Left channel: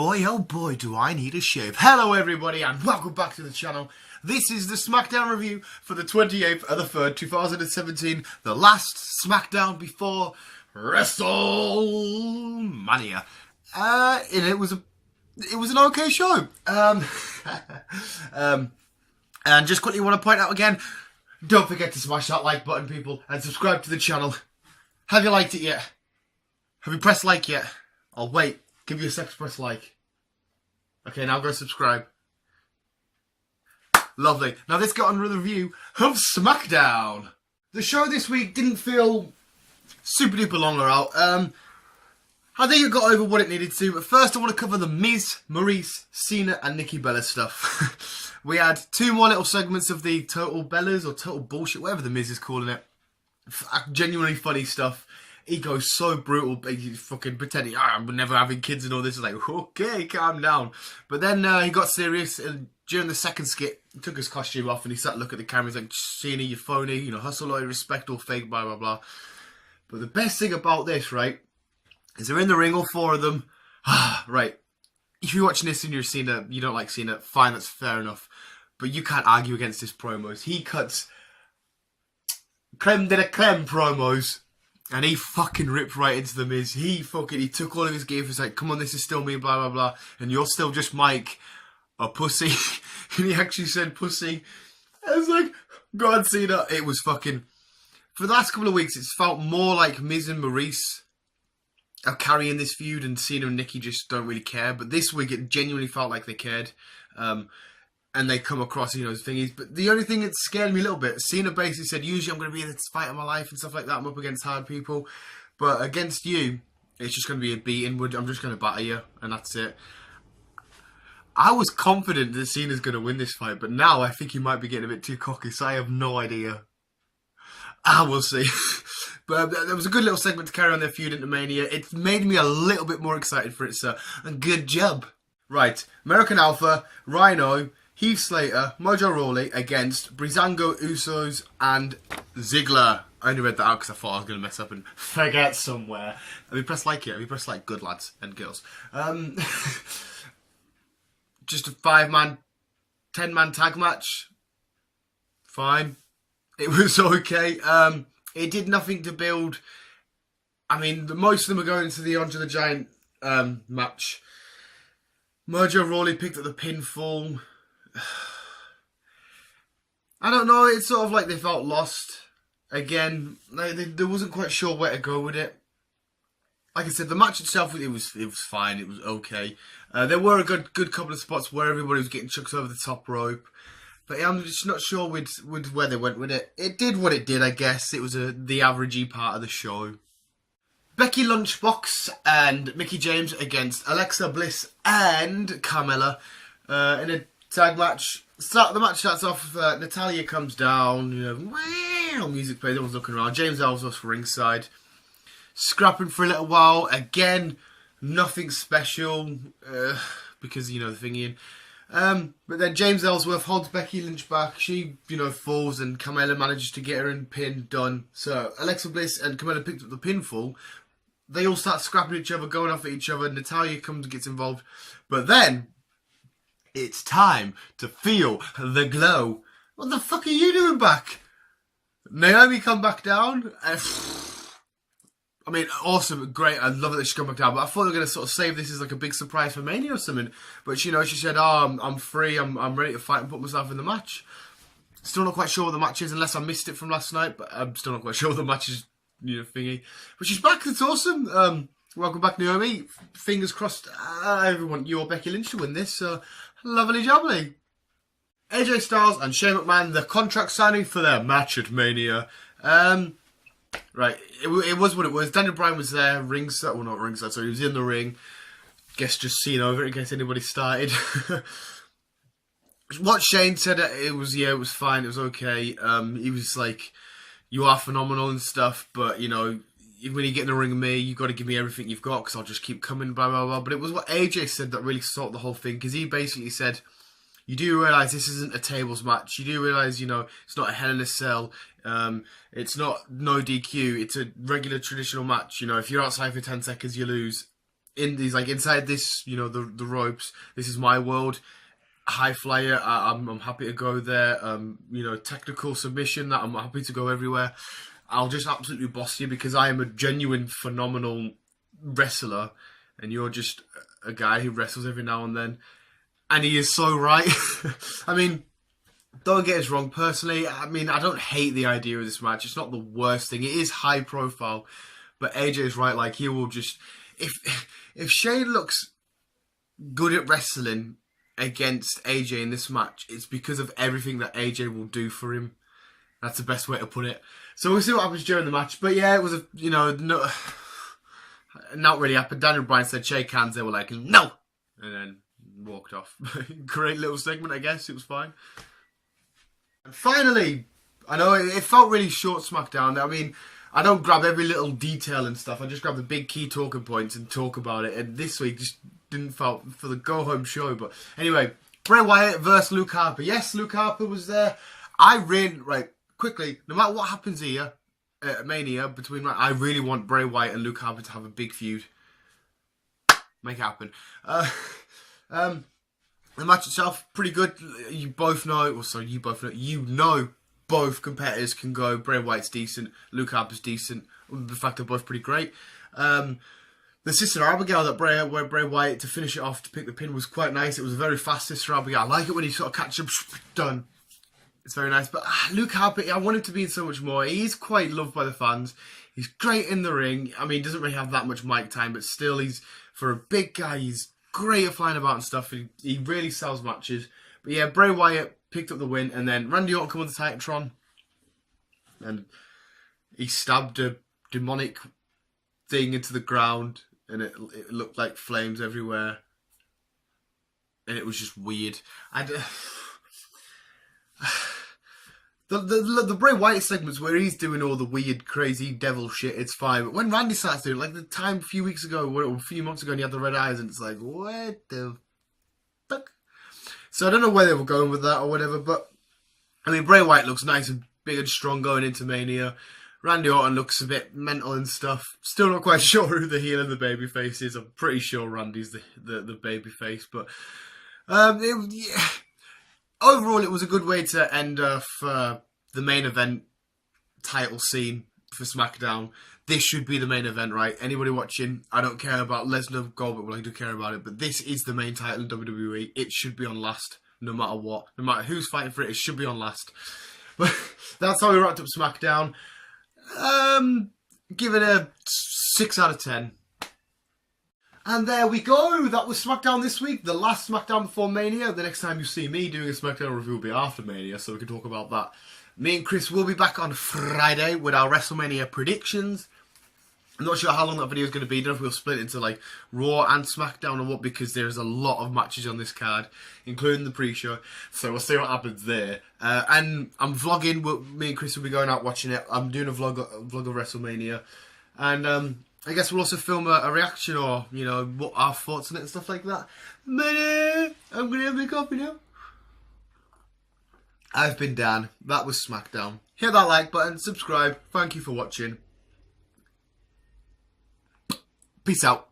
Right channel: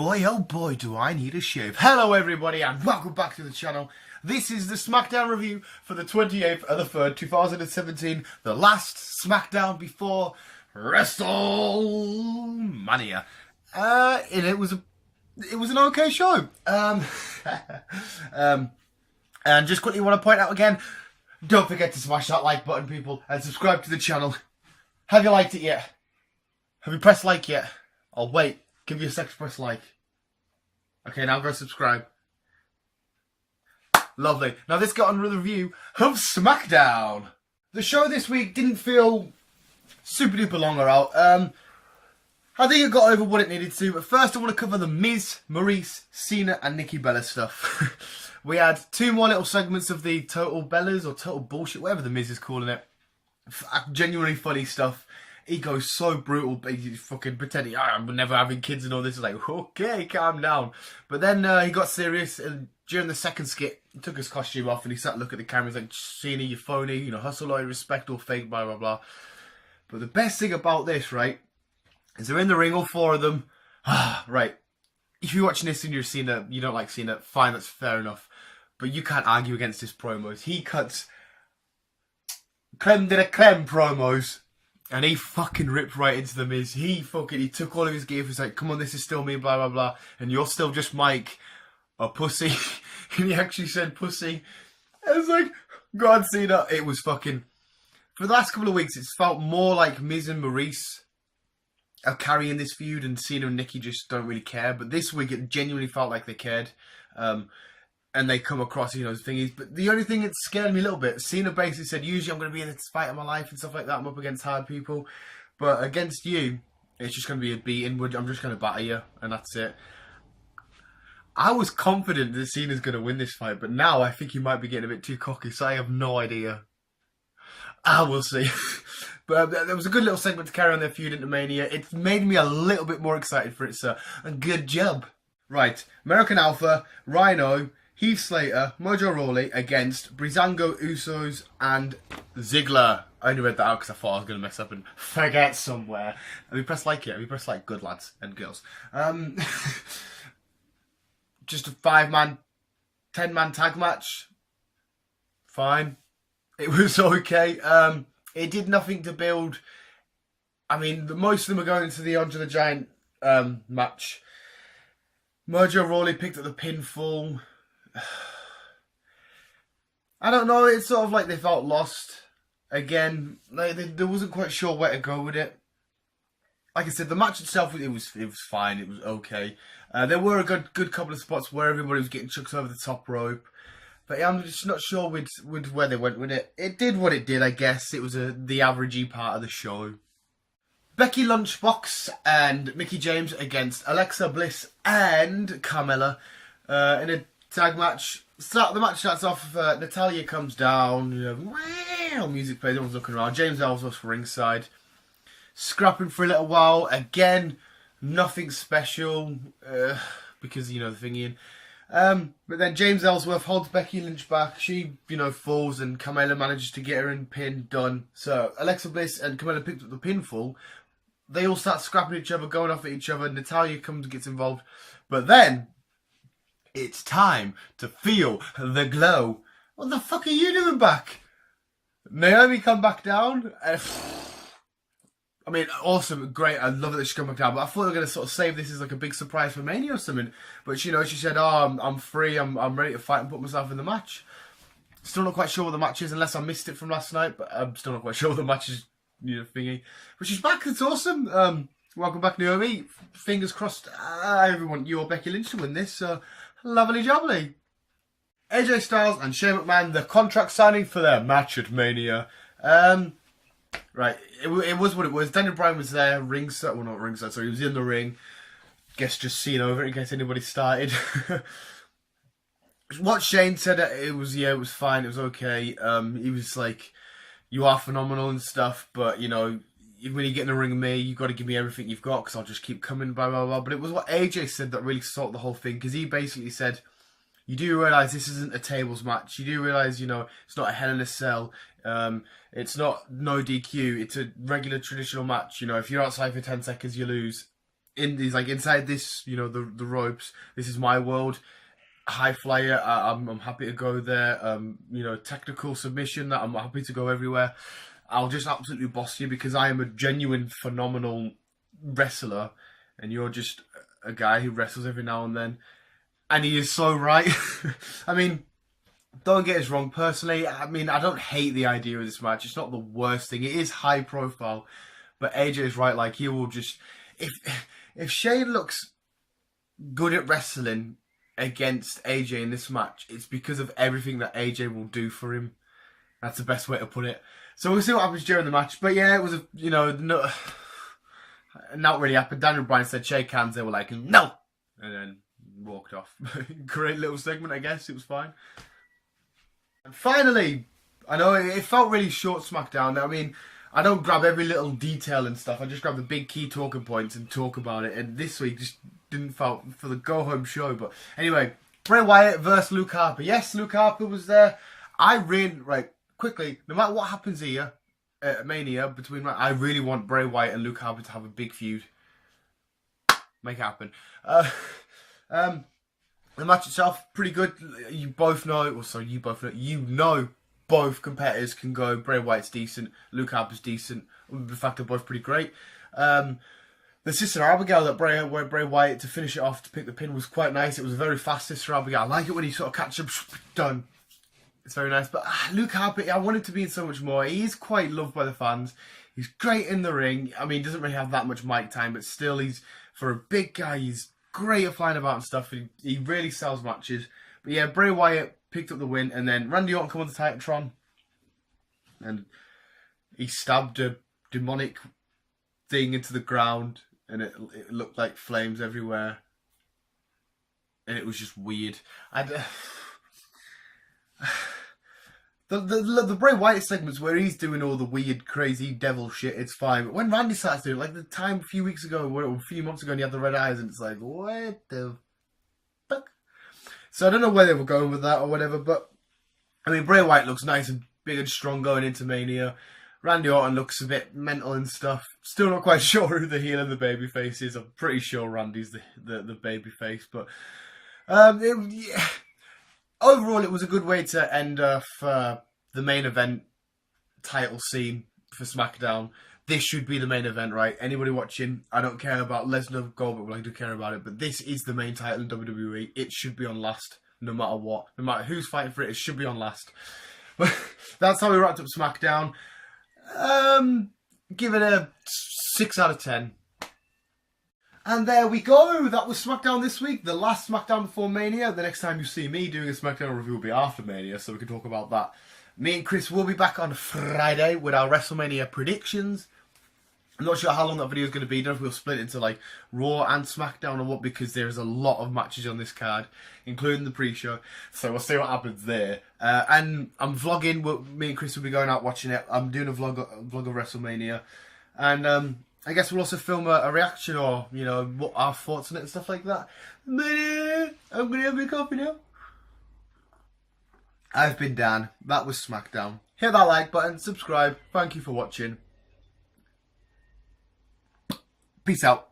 oh boy, do I need a shave. Hello everybody and welcome back to the channel. This is the SmackDown review for the 28th of the 3rd, 2017. The last SmackDown before WrestleMania. And it was an okay show. And just quickly want to point out again, don't forget to smash that like button, people, and subscribe to the channel. Have you liked it yet? Have you pressed like yet? I'll wait. Give you a sec to press like. Okay, now go subscribe. Lovely. Now let's get on with the review of SmackDown. The show this week didn't feel super duper long or out. I think it got over what it needed to, but first I want to cover the Miz, Maurice, Cena and Nikki Bella stuff. We had two more little segments of the Total Bellas or Total Bullshit, whatever the Miz is calling it. Genuinely funny stuff. He goes so brutal, he's fucking pretending, I'm never having kids and all this. It's like, okay, calm down. But then he got serious, and during the second skit, he took his costume off and he sat looking at the camera. He's like, Cena, you're phony, you know, hustle, all respect, all fake, blah, blah, blah. But the best thing about this, right, is they're in the ring, all four of them. Right, if you're watching this and you're Cena, you don't like Cena, fine, that's fair enough. But you can't argue against his promos. He cuts creme de la creme promos. And he fucking ripped right into the Miz. He took all of his gear. He's like, come on, this is still me, blah, blah, blah. And you're still just Mike, a pussy. And he actually said pussy. I was like, God, Cena. It was fucking... For the last couple of weeks, it's felt more like Miz and Maurice are carrying this feud, and Cena and Nikki just don't really care. But this week, it genuinely felt like they cared. And they come across, you know, thingies. But the only thing that scared me a little bit, Cena basically said, usually I'm going to be in this fight of my life and stuff like that. I'm up against hard people. But against you, it's just going to be a beating. I'm just going to batter you. And that's it. I was confident that Cena's going to win this fight. But now I think he might be getting a bit too cocky. So I have no idea. We'll see. But there was a good little segment to carry on their feud into Mania. It made me a little bit more excited for it, so good job. Right. American Alpha, Rhino, Heath Slater, Mojo Rawley against Breezango, Usos, and Ziggler. I only read that out because I thought I was going to mess up and forget somewhere. Have you pressed like yet? Have you pressed like, good lads and girls? Just a 5-man, 10-man tag match. Fine. It was okay. It did nothing to build. I mean, most of them are going to the Andre the Giant match. Mojo Rawley picked up the pinfall. I don't know, it's sort of like they felt lost. Again, they wasn't quite sure where to go with it. Like I said, the match itself, it was fine, it was okay. There were a good couple of spots where everybody was getting chucked over the top rope. But I'm just not sure with where they went with it. It did what it did, I guess. It was the averagey part of the show. Becky Lunchbox and Mickie James against Alexa Bliss and Carmella in a tag match. The match starts off, Natalya comes down, you know, wow, music plays, everyone's looking around. James Ellsworth's ringside. Scrapping for a little while. Again, nothing special, because, you know, the thingy. But then James Ellsworth holds Becky Lynch back. She, you know, falls and Carmella manages to get her in pin, done. So Alexa Bliss and Carmella picked up the pinfall. They all start scrapping each other, going off at each other. Natalya comes and gets involved. But then, it's time to feel the glow. What the fuck are you doing back? Naomi come back down. And, I mean, awesome, great. I love that she come back down. But I thought they were going to sort of save this as like a big surprise for Mania or something. But, you know, she said, I'm free. I'm ready to fight and put myself in the match. Still not quite sure what the match is, unless I missed it from last night. But I'm still not quite sure what the match is. You know, thingy. But she's back, it's awesome. Welcome back, Naomi. Fingers crossed, everyone, you or Becky Lynch to win this. Lovely jubbly. AJ Styles and Shane McMahon, the contract signing for their match at Mania. Right, it was what it was. Daniel Bryan was there, ringside, well not ringside, sorry, he was in the ring. Guess just seeing over it in case anybody started. What Shane said, it was fine, it was okay. He was like, you are phenomenal and stuff, but, you know, when you get in the ring with me, you've got to give me everything you've got, because I'll just keep coming, blah, blah, blah. But it was what AJ said that really sorted the whole thing, because he basically said, you do realise this isn't a tables match. You do realise, you know, it's not a Hell in a Cell. It's not no DQ. It's a regular traditional match. You know, if you're outside for 10 seconds, you lose. he's like inside this, you know, the ropes. This is my world. High flyer, I'm happy to go there. You know, technical submission, that I'm happy to go everywhere. I'll just absolutely boss you because I am a genuine phenomenal wrestler, and you're just a guy who wrestles every now and then. And he is so right. I mean, don't get us wrong. Personally, I mean, I don't hate the idea of this match. It's not the worst thing. It is high profile, but AJ is right. Like, he will just, if Shane looks good at wrestling against AJ in this match, it's because of everything that AJ will do for him. That's the best way to put it. So we'll see what happens during the match. But yeah, it was not really happened. Daniel Bryan said shake hands. They were like, no, and then walked off. Great little segment, I guess. It was fine. And finally, I know it felt really short, SmackDown. I mean, I don't grab every little detail and stuff. I just grab the big key talking points and talk about it. And this week just didn't felt for the go-home show. But anyway, Bray Wyatt versus Luke Harper. Yes, Luke Harper was there. Quickly, no matter what happens here at Mania, I really want Bray Wyatt and Luke Harper to have a big feud. Make it happen. The match itself, pretty good. You know both competitors can go. Bray Wyatt's decent, Luke Harper's decent. In fact, they're both pretty great. The Sister Abigail that Bray Wyatt to finish it off to pick the pin was quite nice. It was a very fast Sister Abigail. I like it when he sort of catches him, done. It's very nice. But Luke Harper, I want him to be in so much more. He's quite loved by the fans. He's great in the ring. I mean, he doesn't really have that much mic time, but still, for a big guy, he's great at flying about and stuff. He really sells matches. But yeah, Bray Wyatt picked up the win, and then Randy Orton come on the Titantron, and he stabbed a demonic thing into the ground, and it looked like flames everywhere, and it was just weird. The Bray Wyatt segments where he's doing all the weird, crazy devil shit, it's fine. But when Randy starts doing it, like the time a few weeks ago, or a few months ago, and he had the red eyes, and it's like, what the fuck? So I don't know where they were going with that or whatever, but I mean, Bray Wyatt looks nice and big and strong going into Mania. Randy Orton looks a bit mental and stuff. Still not quite sure who the heel and the babyface is. I'm pretty sure Randy's the babyface, but overall, it was a good way to end off the main event title scene for SmackDown. This should be the main event, right? Anybody watching, I don't care about Lesnar, Goldberg, well, I do care about it, but this is the main title in WWE. It should be on last, no matter what. No matter who's fighting for it, it should be on last. But that's how we wrapped up SmackDown. Give it a 6 out of 10. And there we go. That was SmackDown this week. The last SmackDown before Mania. The next time you see me doing a SmackDown review will be after Mania, so we can talk about that. Me and Chris will be back on Friday with our WrestleMania predictions. I'm not sure how long that video is going to be. I don't know if we'll split it into like Raw and SmackDown or what, because there's a lot of matches on this card, including the pre-show. So we'll see what happens there. And I'm vlogging. Me and Chris will be going out watching it. I'm doing a vlog of WrestleMania. And I guess we'll also film a reaction or, you know, what our thoughts on it and stuff like that. But I'm going to have my coffee now. I've been Dan. That was SmackDown. Hit that like button, subscribe. Thank you for watching. Peace out.